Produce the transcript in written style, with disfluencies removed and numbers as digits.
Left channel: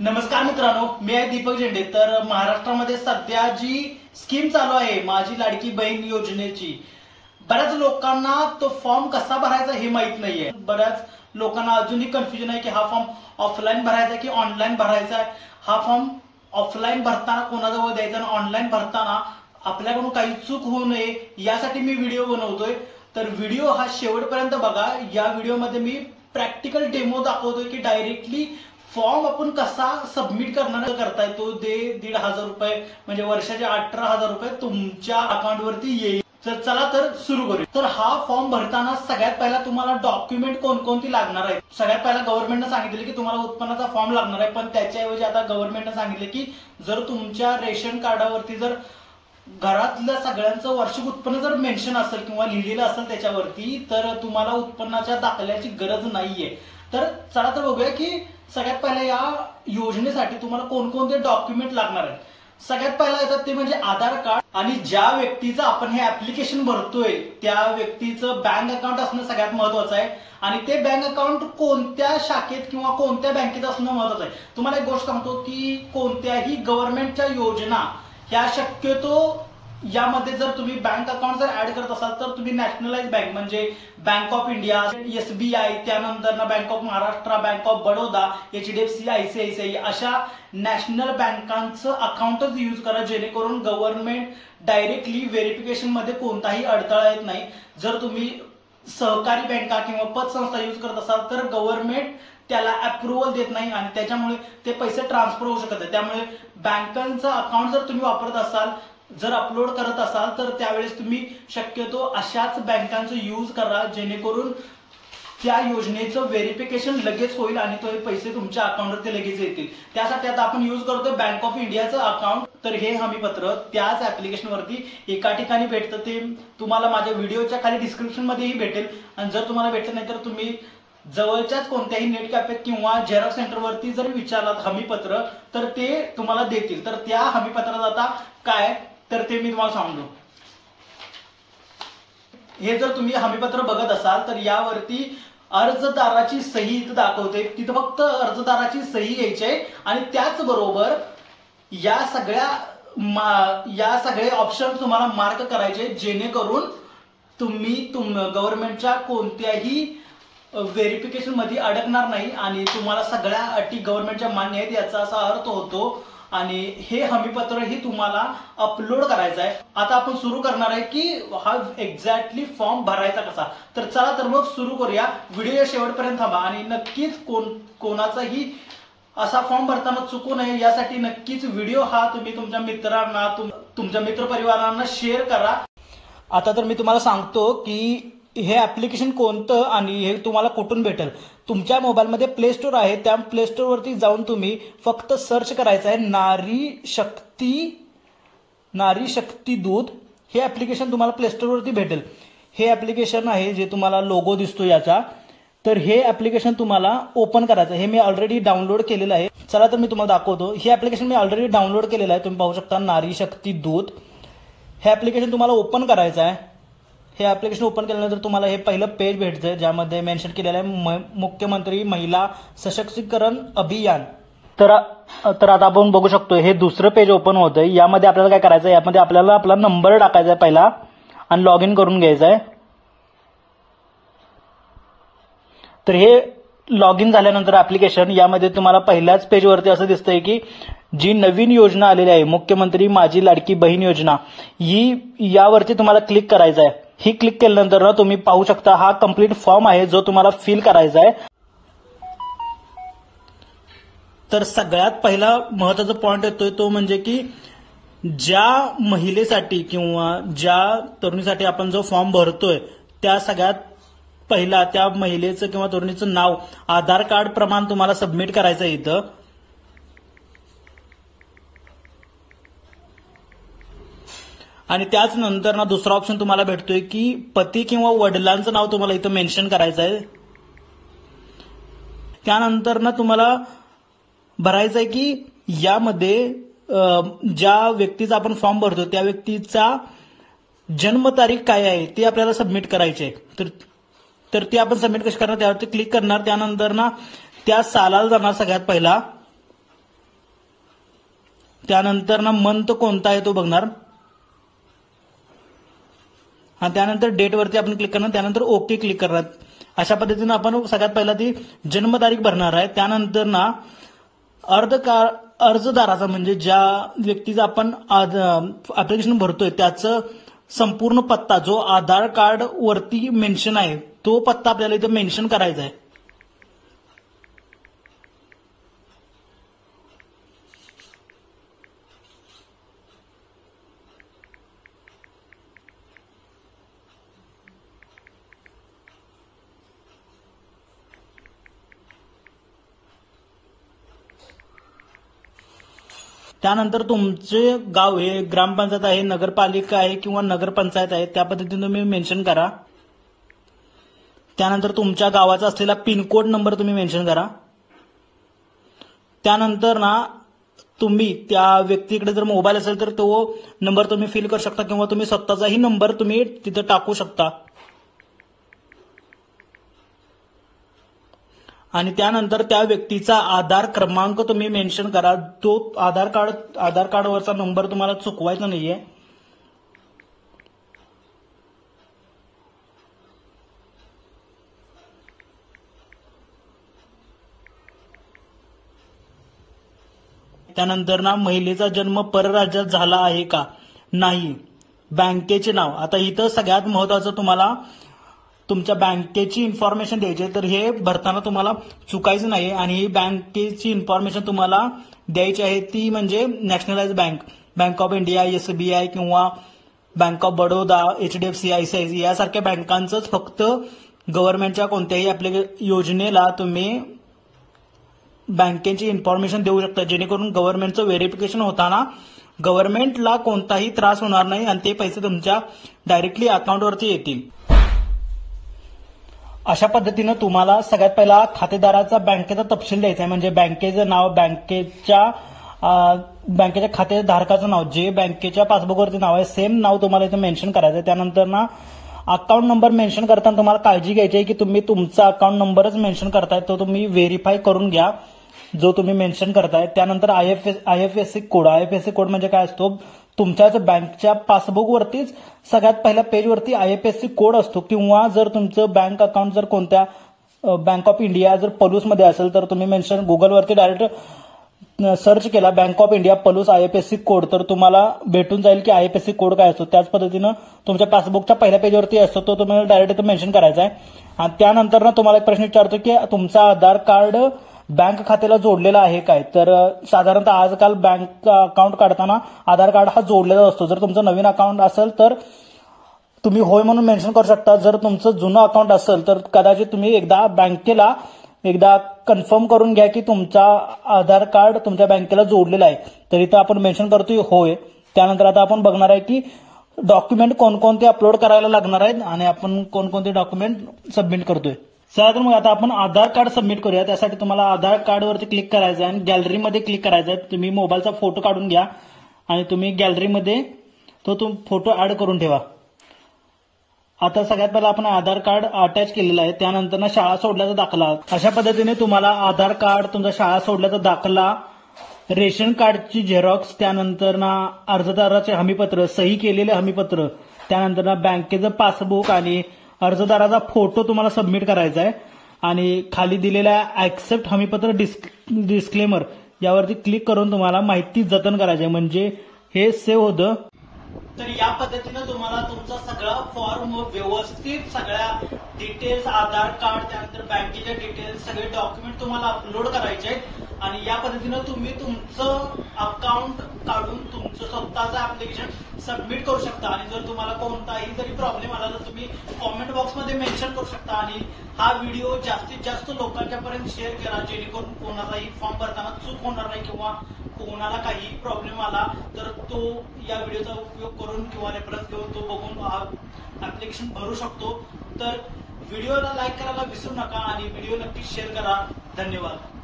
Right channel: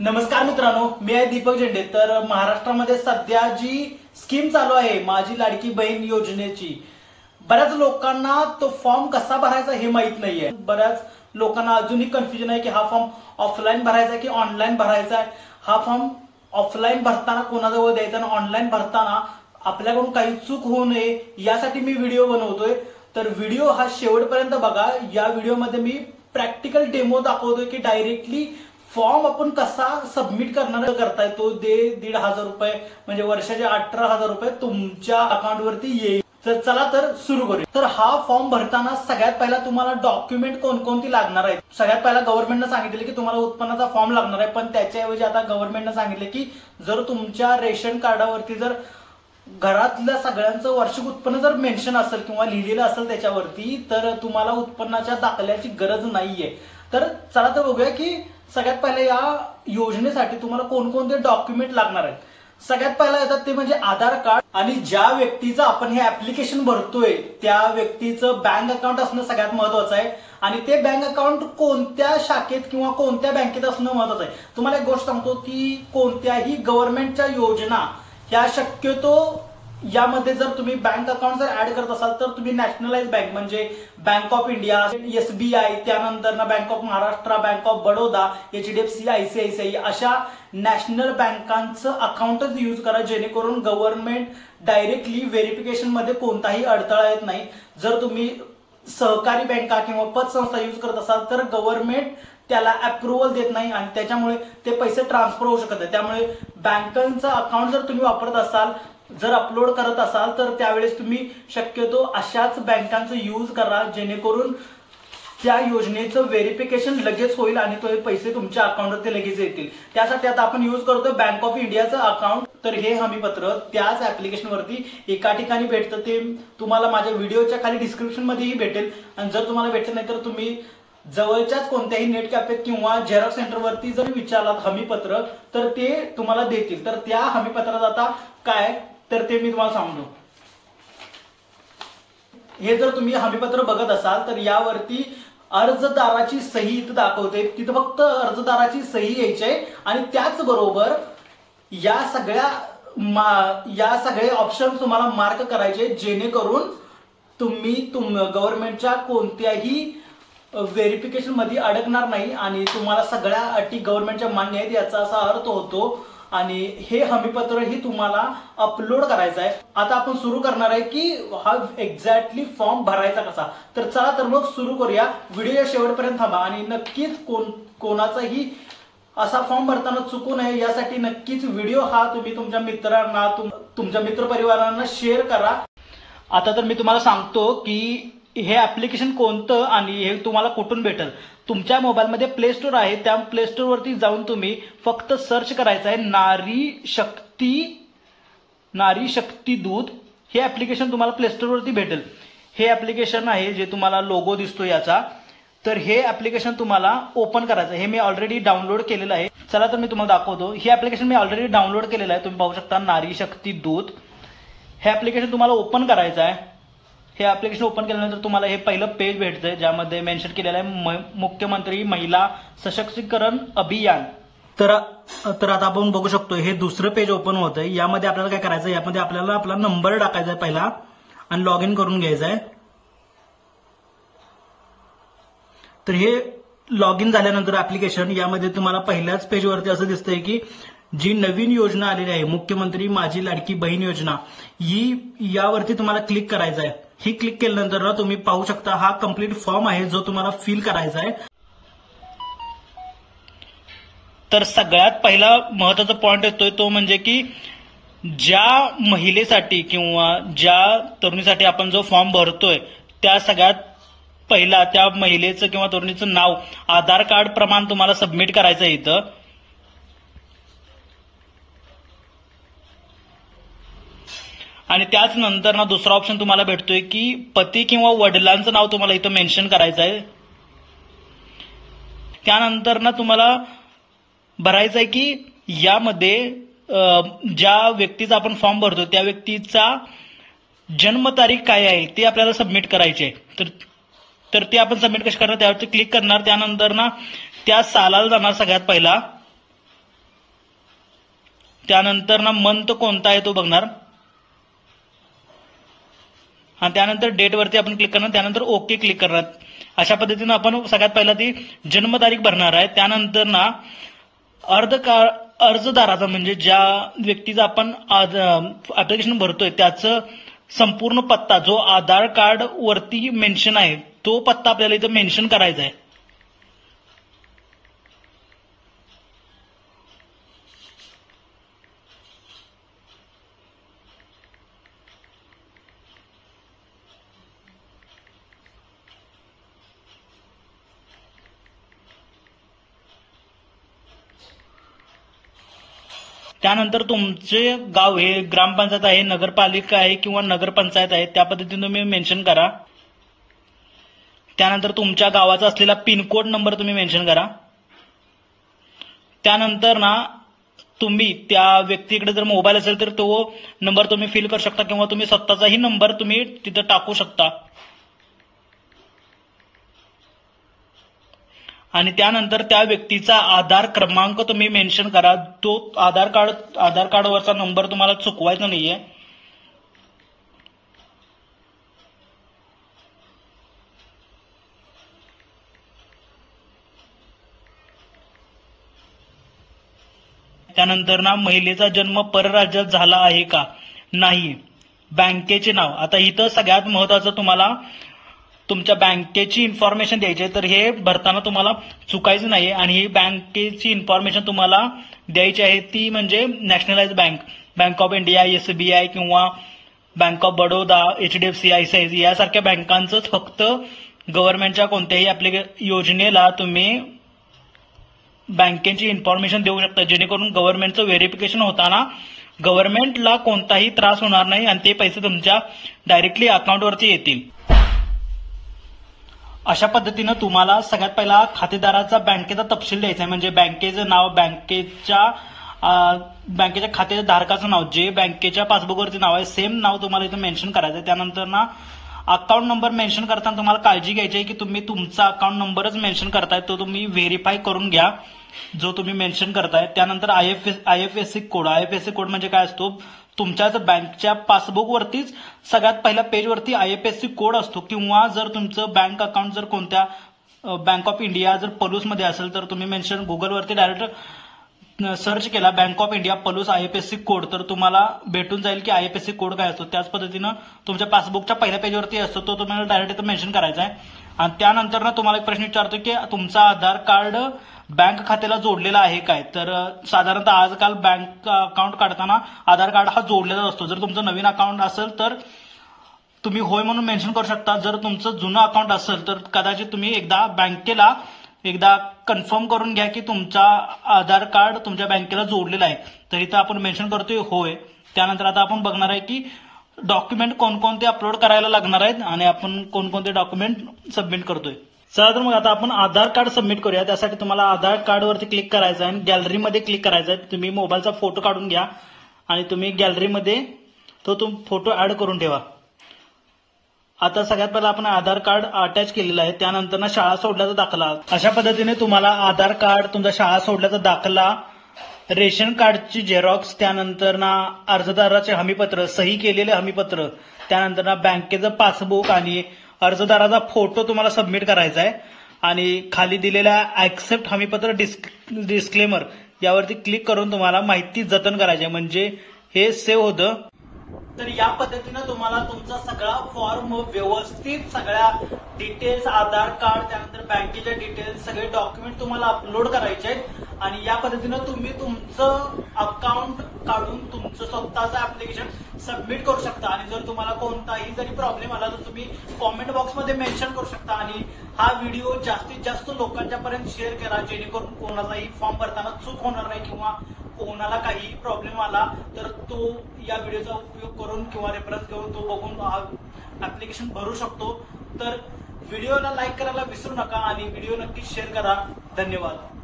नमस्कार मित्रांनो, मी आहे दीपक झेंडे। तर महाराष्ट्रामध्ये सध्या जी स्कीम चालू आहे माझी लाडकी बहीण योजनेची, बऱ्याच लोकांना तो फॉर्म कसा भरायचा हे माहित नाहीये। बऱ्याच लोकांना अजूनही कन्फ्युजन आहे की हा फॉर्म ऑफलाईन भरायचा की ऑनलाईन भरायचा आहे। हा फॉर्म ऑफलाईन भरताना कोणाजवळ द्यायचा आणि ऑनलाईन भरताना आपल्याकडून काही चूक होऊ नये यासाठी मी व्हिडिओ बनवतोय। तर व्हिडिओ हा शेवटपर्यंत बघा। या व्हिडिओमध्ये मी प्रॅक्टिकल डेमो दाखवतोय की डायरेक्टली फॉर्म आपण कसा सबमिट करताय तो 1,500 रुपये म्हणजे वर्षाचे 18,000 रुपये तुमच्या अकाउंटवरती येईल। तर चला तर सुरू करूया। तर हा फॉर्म भरताना सगळ्यात पहिला तुम्हाला डॉक्युमेंट कोणकोणती लागणार आहेत। सगळ्यात पहिला गव्हर्नमेंटने सांगितले की तुम्हाला उत्पन्नाचा फॉर्म लागणार आहे, पण त्याच्याऐवजी आता गव्हर्नमेंटने सांगितले की जर तुमच्या रेशन कार्डावरती जर घरातल्या सगळ्यांचं वार्षिक उत्पन्न जर मेन्शन असेल किंवा लिहिलेलं असेल त्याच्यावरती, तर तुम्हाला उत्पन्नाच्या दाखल्याची गरज नाहीये। तर चला तर बघूया की सगळ्यात पहिला या योजनेसाठी तुम्हाला कोणकोणते डॉक्युमेंट लागणार आहेत। सगळ्यात पहिला येतात ते म्हणजे आधार कार्ड, आणि ज्या व्यक्तीचं आपण हे ऍप्लिकेशन भरतोय त्या व्यक्तीचं बँक अकाउंट असणं सगळ्यात महत्वाचं आहे। आणि ते बँक अकाउंट कोणत्या शाखेत किंवा कोणत्या बँकेत असणं महत्वाचं आहे। तुम्हाला एक गोष्ट सांगतो की कोणत्याही गव्हर्नमेंटच्या योजना ह्या शक्यतो यामध्ये जर तुम्ही बँक अकाउंट जर ऍड करत असाल तर तुम्ही नॅशनलाइज बँक म्हणजे बँक ऑफ इंडिया, SBI, त्यानंतर bank of Maharashtra, bank of Baroda, HDFC, ICICI अशा नॅशनल बँकांचं अकाउंटच यूज करा, जेणेकरून गव्हर्नमेंट डायरेक्टली व्हेरिफिकेशन मध्ये कोणताही अडथळा येत नाही। जर तुम्ही सहकारी बँका किंवा पतसंस्था यूज करत असाल तर गव्हर्नमेंट त्याला अप्रुव्हल देत नाही आणि त्याच्यामुळे ते पैसे ट्रान्सफर होऊ शकत नाही। त्यामुळे बँकांचं अकाउंट जर तुम्ही वापरत असाल, जर अपलोड करत असाल तर त्यावेळेस तुम्ही शक्यतो अशाच बँकांचं यूज करा, जेणेकरून त्या योजनेचं व्हेरिफिकेशन लगेच होईल आणि तो पैसे तुमच्या अकाउंटवरती लगेच येतील। त्यासाठी आता आपण यूज करतोय बँक ऑफ इंडियाचं अकाउंट। तर हे हमीपत्र त्याच ऍप्लिकेशनवरती एका ठिकाणी भेटतं, ते तुम्हाला माझ्या व्हिडिओच्या खाली डिस्क्रिप्शन मध्येही भेटेल। आणि जर तुम्हाला भेटलं नाही तर तुम्ही जवळच्याच कोणत्याही नेट कॅफेत किंवा झेरॉक्स सेंटरवरती जर विचारलात हमीपत्र तर ते तुम्हाला देतील। तर त्या हमीपत्रात आता काय तर ते मी तुम्हाला सांगतो। हे जर तुम्ही हमीपत्र बघत असाल तर यावरती अर्जदाराची सही इथं दाखवते, तिथं फक्त अर्जदाराची सही घ्यायची आहे आणि त्याचबरोबर या सगळे ऑप्शन तुम्हाला मार्क करायचे, जेणेकरून तुम्ही गव्हर्नमेंटच्या कोणत्याही व्हेरिफिकेशन मध्ये अडकणार नाही आणि तुम्हाला सगळ्या अटी गव्हर्नमेंटच्या मान्य आहेत याचा असा अर्थ होतो। आणि हे हमीपत्र ही तुम्हाला अपलोड करायचं आहे। आता आपण सुरू करणार आहे की हा एक्झॅक्टली फॉर्म भरायचा कसा। तर चला तर मग सुरू करूया। व्हिडिओ शेवटपर्यंत थांबा आणि नक्कीच कोणाचाही असा फॉर्म भरताना चुकू नये यासाठी नक्कीच व्हिडिओ हा तुम्ही तुमच्या मित्रांना तुमच्या मित्रपरिवारांना शेअर करा। आता तर मी तुम्हाला सांगतो की हे ऍप्लिकेशन कोणतं आणि हे तुम्हाला कुठून भेटेल। तुमच्या मोबाईलमध्ये प्ले स्टोर आहे, त्या प्ले स्टोर वरती जाऊन तुम्ही फक्त सर्च करायचं आहे नारी शक्ती दूत। हे ऍप्लिकेशन तुम्हाला प्ले स्टोर वरती भेटेल। हे ऍप्लिकेशन आहे जे तुम्हाला लोगो दिसतो याचा। तर हे ऍप्लिकेशन तुम्हाला ओपन करायचं आहे। हे मी ऑलरेडी डाउनलोड केलेलं आहे। चला तर मी तुम्हाला दाखवतो। हे ऍप्लिकेशन मी ऑलरेडी डाउनलोड केलेलं आहे, तुम्ही पाहू शकता नारी शक्ती दूत। हे ऍप्लिकेशन तुम्हाला ओपन करायचं आहे। हे ऍप्लिकेशन ओपन केल्यानंतर तुम्हाला हे पहिलं पेज भेटतंय ज्यामध्ये मेन्शन केलेलं आहे मुख्यमंत्री महिला सशक्तीकरण अभियान। तर आता आपण बघू शकतो हे दुसरं पेज ओपन होतंय। यामध्ये आपल्याला काय करायचं आहे, यामध्ये आपल्याला आपला नंबर टाकायचा आहे पहिला आणि लॉग इन करून घ्यायचा आहे। तर हे लॉग इन झाल्यानंतर ऍप्लिकेशन यामध्ये तुम्हाला पहिल्याच पेजवरती असं दिसतंय की जी नवीन योजना आलेली आहे मुख्यमंत्री माझी लाडकी बहीण योजना, ही यावरती तुम्हाला क्लिक करायचं आहे। ही क्लिक केल्यानंतर ना तुम्ही पाहू शकता हा कंप्लीट फॉर्म आहे जो तुम्हाला फिल करायचा आहे। तर सगळ्यात पहिला महत्वाचा पॉइंट येतोय तो म्हणजे की ज्या महिलेसाठी किंवा ज्या तरुणीसाठी आपण जो फॉर्म भरतोय त्या सगळ्यात पहिला त्या महिलेचं किंवा तरुणीचं नाव, आधार कार्ड प्रमाण तुम्हाला सबमिट करायचं आहे इथं। आणि त्याच नंतर ना दुसरा ऑप्शन तुम्हाला भेटतोय की पती किंवा वडिलांचं नाव तुम्हाला इथं मेन्शन करायचं आहे। त्यानंतर ना तुम्हाला भरायचं आहे की यामध्ये ज्या व्यक्तीचा आपण फॉर्म भरतो त्या व्यक्तीचा जन्मतारीख काय आहे ते आपल्याला सबमिट करायचे आहे। तर ते आपण सबमिट कशी करणार, त्यावरती क्लिक करणार। त्यानंतर ना त्या सालाला जाणार सगळ्यात पहिला त्यानंतर ना मंथ कोणता आहे तो बघणार, आणि त्यानंतर डेटवरती आपण क्लिक करणार, त्यानंतर ओके क्लिक करणार. अशा पद्धतीनं आपण सगळ्यात पहिला ती जन्मतारीख भरणार आहे. त्यानंतर ना अर्जदाराचा म्हणजे ज्या व्यक्तीचा आपण ऍप्लिकेशन भरतोय त्याचं संपूर्ण पत्ता जो आधार कार्ड वरती मेन्शन आहे तो पत्ता आपल्याला इथं मेन्शन करायचा आहे. त्यानंतर तुमचे गाव हे ग्रामपंचायत आहे, नगरपालिका आहे किंवा नगरपंचायत आहे त्या पद्धतीने तुम्ही मेन्शन करा. त्यानंतर तुमच्या गावाचा असलेला पिनकोड नंबर तुम्ही मेन्शन करा. त्यानंतर ना तुम्ही त्या व्यक्तीकडे जर मोबाईल असेल तर तो नंबर तुम्ही फिल करू शकता किंवा तुम्ही स्वतःचाही नंबर तुम्ही तिथं टाकू शकता. आणि त्यानंतर त्या व्यक्तीचा आधार क्रमांक तुम्ही मेन्शन करा. तो आधार कार्डवरचा नंबर तुम्हाला चुकवायचा नाहीये. त्यानंतर ना महिलेचा जन्म परराज्यात झाला आहे का नाही, बँकेचे नाव. आता इथं सगळ्यात महत्वाचं तुम्हाला तुमच्या बँकेची इन्फॉर्मेशन द्यायची आहे, तर हे भरताना तुम्हाला चुकायचं नाही. आणि ही बँकेची इन्फॉर्मेशन तुम्हाला द्यायची आहे ती म्हणजे nationalise bank, bank of India, SBI किंवा bank of Baroda, HDFC, ICICI यासारख्या बँकांचंच फक्त गव्हर्नमेंटच्या कोणत्याही योजनेला तुम्ही बँकेची इन्फॉर्मेशन देऊ शकता, जेणेकरून गव्हर्नमेंटचं व्हेरिफिकेशन होताना गव्हर्नमेंटला कोणताही त्रास होणार नाही आणि ते पैसे तुमच्या डायरेक्टली अकाउंटवरती येतील. अशा पद्धतीनं तुम्हाला सगळ्यात पहिला खातेदाराचा बँकेचा तपशील द्यायचा आहे, म्हणजे बँकेचं नाव, बँकेच्या खातेधारकाचं नाव, जे बँकेच्या पासबुकवरती नाव आहे सेम नाव तुम्हाला इथं मेन्शन करायचं आहे. त्यानंतर ना अकाउंट नंबर मेन्शन करताना तुम्हाला काळजी घ्यायची आहे की तुम्ही तुमचा अकाउंट नंबरच मेन्शन करताय तो तुम्ही व्हेरीफाय करून घ्या जो तुम्ही मेन्शन करताय. त्यानंतर IFSC कोड. IFSC कोड म्हणजे काय असतो, तुमच्याच बँकच्या पासबुकवरतीच सगळ्यात पहिल्या पेजवरती IFSC कोड असतो, किंवा जर तुमचं बँक अकाउंट जर कोणत्या बँक ऑफ इंडिया जर पलूसमध्ये असेल तर तुम्ही मेन्शन गुगलवरती डायरेक्ट सर्च केला bank of India Palus IFSC code तर तुम्हाला भेटून जाईल की IFSC कोड काय असतो. त्याच पद्धतीनं तुमच्या पासबुकच्या पहिल्या पेजवरती असतो तो तुम्हाला डायरेक्ट इथं मेन्शन करायचा आहे. आणि त्यानंतर ना तुम्हाला एक प्रश्न विचारतो की तुमचा आधार कार्ड बँक खात्याला जोडलेला आहे काय, तर साधारणतः आजकाल बँक अकाउंट काढताना आधार कार्ड हा जोडलेला असतो. जर तुमचं नवीन अकाउंट असेल तर तुम्ही होय म्हणून मेन्शन करू शकता. जर तुमचं जुनं अकाउंट असेल तर कदाचित तुम्ही एकदा बँकेला कन्फर्म करून घ्या की तुमचा आधार कार्ड तुमच्या बँकेला जोडलेला आहे. तर इथं आपण मेन्शन करतोय होय. त्यानंतर आता आपण बघणार आहे की डॉक्युमेंट कोणकोणते अपलोड करायला लागणार आहेत आणि आपण कोणकोणते डॉक्युमेंट सबमिट करतोय. चला तर मग आता आपण आधार कार्ड सबमिट करूया. त्यासाठी तुम्हाला आधार कार्डवरती क्लिक करायचं आहे आणि गॅलरीमध्ये क्लिक करायचं आहे. तुम्ही मोबाईलचा फोटो काढून घ्या आणि तुम्ही गॅलरीमध्ये तो फोटो ऍड करून ठेवा. आता सगळ्यात पहिला आपण आधार कार्ड अटॅच केलेला आहे. त्यानंतर ना शाळा सोडल्याचा दाखला. अशा पद्धतीने तुम्हाला आधार कार्ड, तुमचा शाळा सोडल्याचा दाखला, रेशन कार्डची झेरॉक्स, त्यानंतर ना अर्जदाराचे हमीपत्र, सही केलेले हमीपत्र, त्यानंतर ना बँकेचं पासबुक आणि अर्जदाराचा फोटो तुम्हाला सबमिट करायचा आहे. आणि खाली दिलेल्या ऍक्सेप्ट हमीपत्र डिस्क्लेमर यावरती क्लिक करून तुम्हाला माहिती जतन करायची आहे, म्हणजे हे सेव्ह होतं. तर या पद्धतीनं तुम्हाला तुमचा सगळा फॉर्म व्यवस्थित सगळ्या डिटेल्स, आधार कार्ड, त्यानंतर बँकेच्या डिटेल्स, सगळे डॉक्युमेंट तुम्हाला अपलोड करायचे आहेत. आणि या पद्धतीनं तुम्ही तुमचं अकाउंट काढून तुमचं स्वतःचं ऍप्लिकेशन सबमिट करू शकता. आणि जर तुम्हाला कोणताही जरी प्रॉब्लेम आला तर तुम्ही कॉमेंट बॉक्समध्ये मेन्शन करू शकता. आणि हा व्हिडिओ जास्तीत जास्त लोकांच्यापर्यंत शेअर करा, जेणेकरून कोणाचाही फॉर्म भरताना चूक होणार नाही किंवा कोणाला काही प्रॉब्लेम आला तर तो या व्हिडिओचा उपयोग करून किंवा रेफरन्स घेऊन तो बघून हा ऍप्लिकेशन भरू शकतो. तर व्हिडिओला लाईक करायला विसरू नका आणि व्हिडिओ नक्की शेअर करा. धन्यवाद.